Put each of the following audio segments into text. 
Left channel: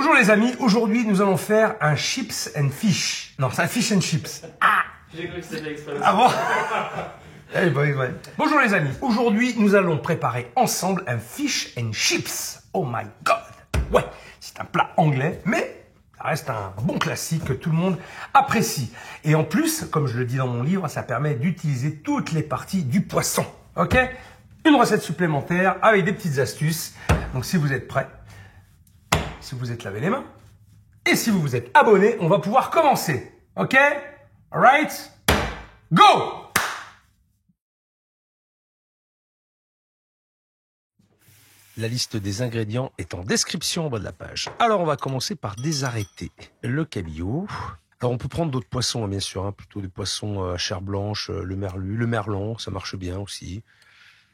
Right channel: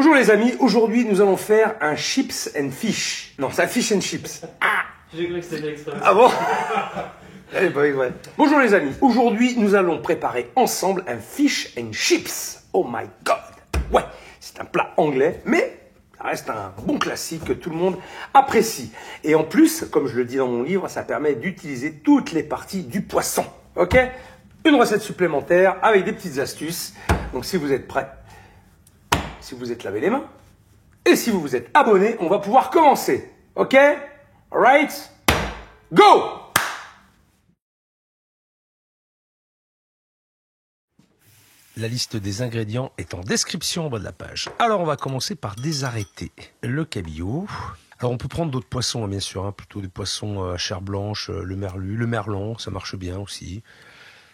Bonjour les amis, aujourd'hui nous allons faire un chips and fish. Non, c'est un fish and chips. J'ai cru que c'était extra. Ah bon? Allez, ouais. Bonjour les amis, aujourd'hui nous allons préparer ensemble un fish and chips. Oh my god. Ouais, c'est un plat anglais, mais ça reste un bon classique que tout le monde apprécie. Et en plus, comme je le dis dans mon livre, ça permet d'utiliser toutes les parties du poisson. Ok? Une recette supplémentaire avec des petites astuces. Donc si vous êtes prêts, si vous êtes lavé les mains, et si vous vous êtes abonné, on va pouvoir commencer. Ok? Alright? Go! La liste des ingrédients est en description en bas de la page. Alors on va commencer par désarrêter le cabillaud. Alors on peut prendre d'autres poissons, bien sûr, hein, plutôt des poissons à chair blanche, le merlu, le merlan, ça marche bien aussi.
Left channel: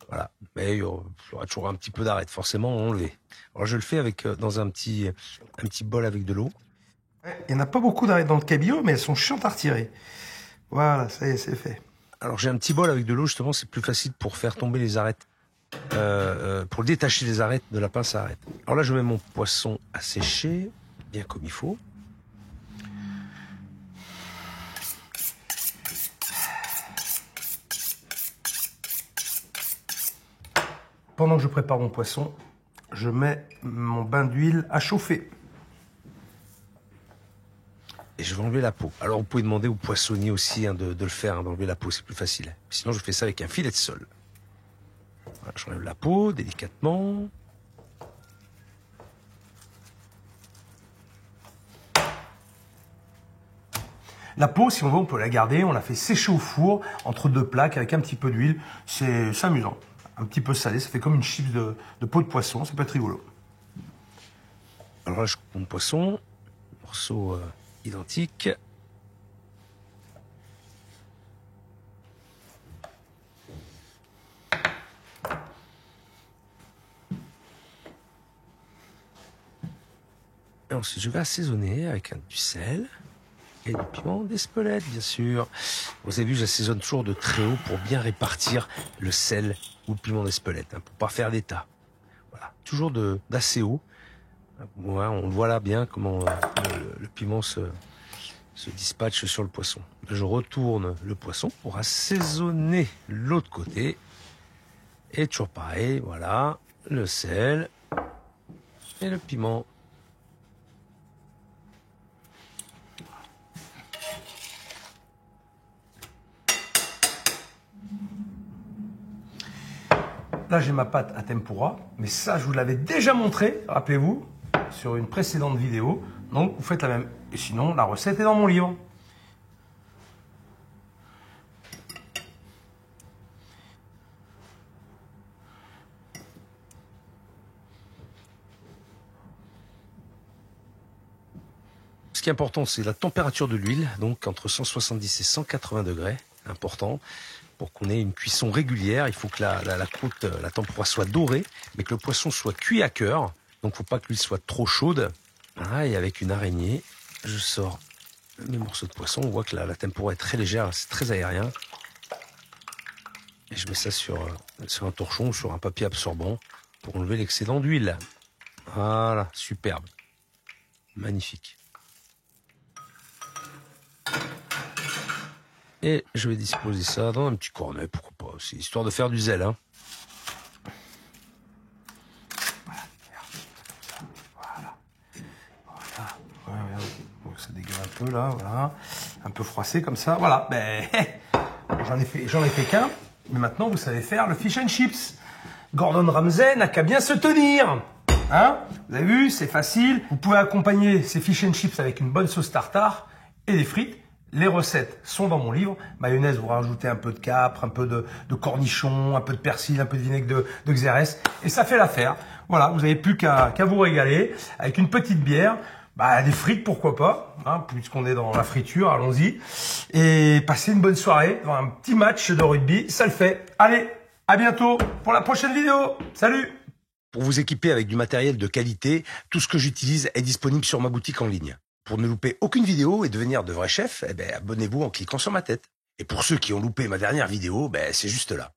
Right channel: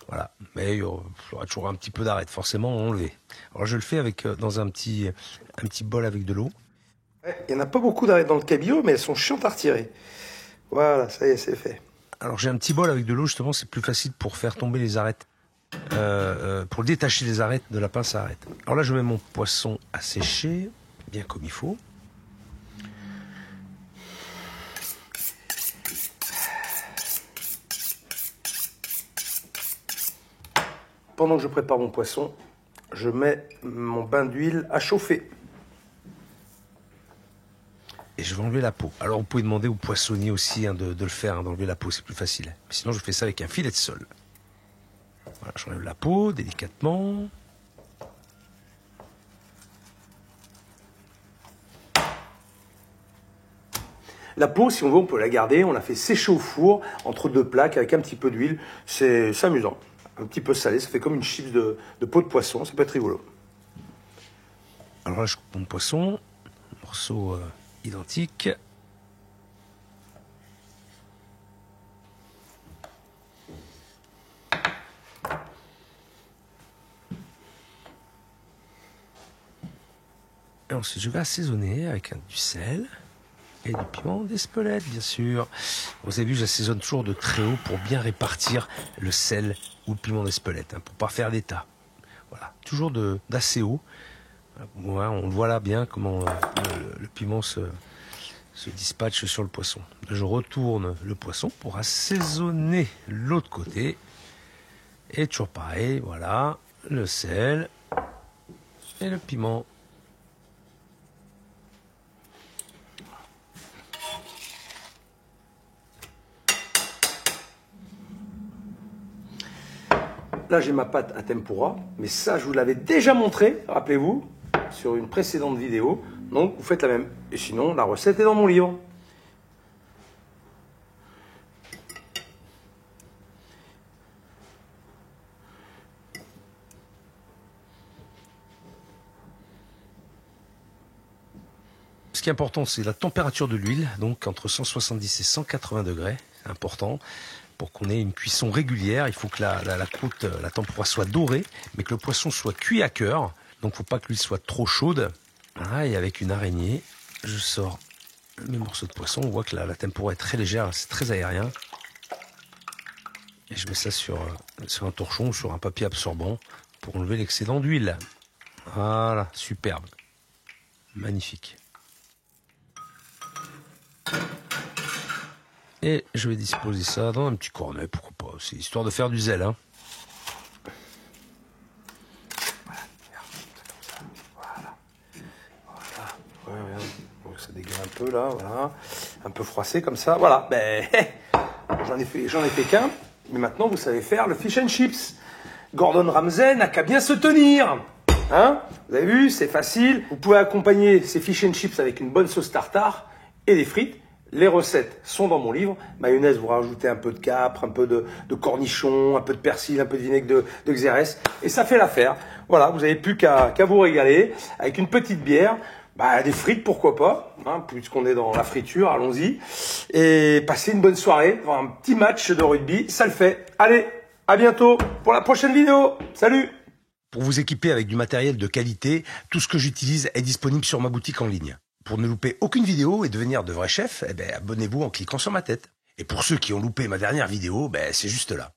Voilà, mais il y aura toujours un petit peu d'arête, forcément à enlever. Alors je le fais avec dans un petit bol avec de l'eau. Il n'y en a pas beaucoup dans le cabillaud, mais elles sont chiantes à retirer. Voilà, ça y est, c'est fait. Alors j'ai un petit bol avec de l'eau, justement, c'est plus facile pour faire tomber les arêtes. Pour détacher les arêtes de la pince à arêtes. Alors là, je mets mon poisson à sécher, bien comme il faut. Pendant que je prépare mon poisson, je mets mon bain d'huile à chauffer. Et je vais enlever la peau. Alors vous pouvez demander au poissonnier aussi hein, de le faire, hein, d'enlever la peau, c'est plus facile. Mais sinon, je fais ça avec un filet de sole. Voilà, j'enlève la peau délicatement. La peau, si on veut, on peut la garder. On la fait sécher au four entre deux plaques avec un petit peu d'huile. C'est amusant. Un petit peu salé. Ça fait comme une chips de peau de poisson. C'est pas très rigolo. Alors là, je coupe mon poisson. Morceau identique. Et ensuite, je vais assaisonner avec du sel et du piment d'Espelette, bien sûr. Vous avez vu, j'assaisonne toujours de très haut pour bien répartir le sel ou le piment d'Espelette, hein, pour pas faire d'état. Voilà, toujours d'assez haut. Ouais, on le voit là bien comment le piment se dispatche sur le poisson. Je retourne le poisson pour assaisonner l'autre côté. Et toujours pareil, voilà, le sel et le piment. Là, j'ai ma pâte à tempura. Mais ça, je vous l'avais déjà montré, rappelez-vous, sur une précédente vidéo. Donc, vous faites la même. Et sinon, la recette est dans mon livre. Ce qui est important, c'est la température de l'huile, donc entre 170 et 180 degrés, important, pour qu'on ait une cuisson régulière. Il faut que la croûte, la tempura soit dorée, mais que le poisson soit cuit à cœur. Donc, il ne faut pas que l'huile soit trop chaude. Voilà, et avec une araignée, je sors mes morceaux de poisson. On voit que la tempura est très légère, c'est très aérien. Et je mets ça sur un torchon ou sur un papier absorbant pour enlever l'excédent d'huile. Voilà, superbe. Magnifique. Et je vais disposer ça dans un petit cornet, pourquoi pas. C'est histoire de faire du zèle, hein. Un peu là, voilà. Un peu froissé comme ça. Voilà. Ben, j'en ai fait qu'un. Mais maintenant, vous savez faire le fish and chips. Gordon Ramsay n'a qu'à bien se tenir. Hein? Vous avez vu, c'est facile. Vous pouvez accompagner ces fish and chips avec une bonne sauce tartare et des frites. Les recettes sont dans mon livre. Mayonnaise, vous rajoutez un peu de capre, un peu de cornichon, un peu de persil, un peu de vinaigre de xérès. Et ça fait l'affaire. Voilà, vous n'avez plus qu'à vous régaler avec une petite bière. Bah, des frites, pourquoi pas, hein, puisqu'on est dans la friture, allons-y. Et passez une bonne soirée, dans un petit match de rugby, ça le fait. Allez, à bientôt pour la prochaine vidéo. Salut! Pour vous équiper avec du matériel de qualité, tout ce que j'utilise est disponible sur ma boutique en ligne. Pour ne louper aucune vidéo et devenir de vrais chefs, abonnez-vous en cliquant sur ma tête. Et pour ceux qui ont loupé ma dernière vidéo, c'est juste là.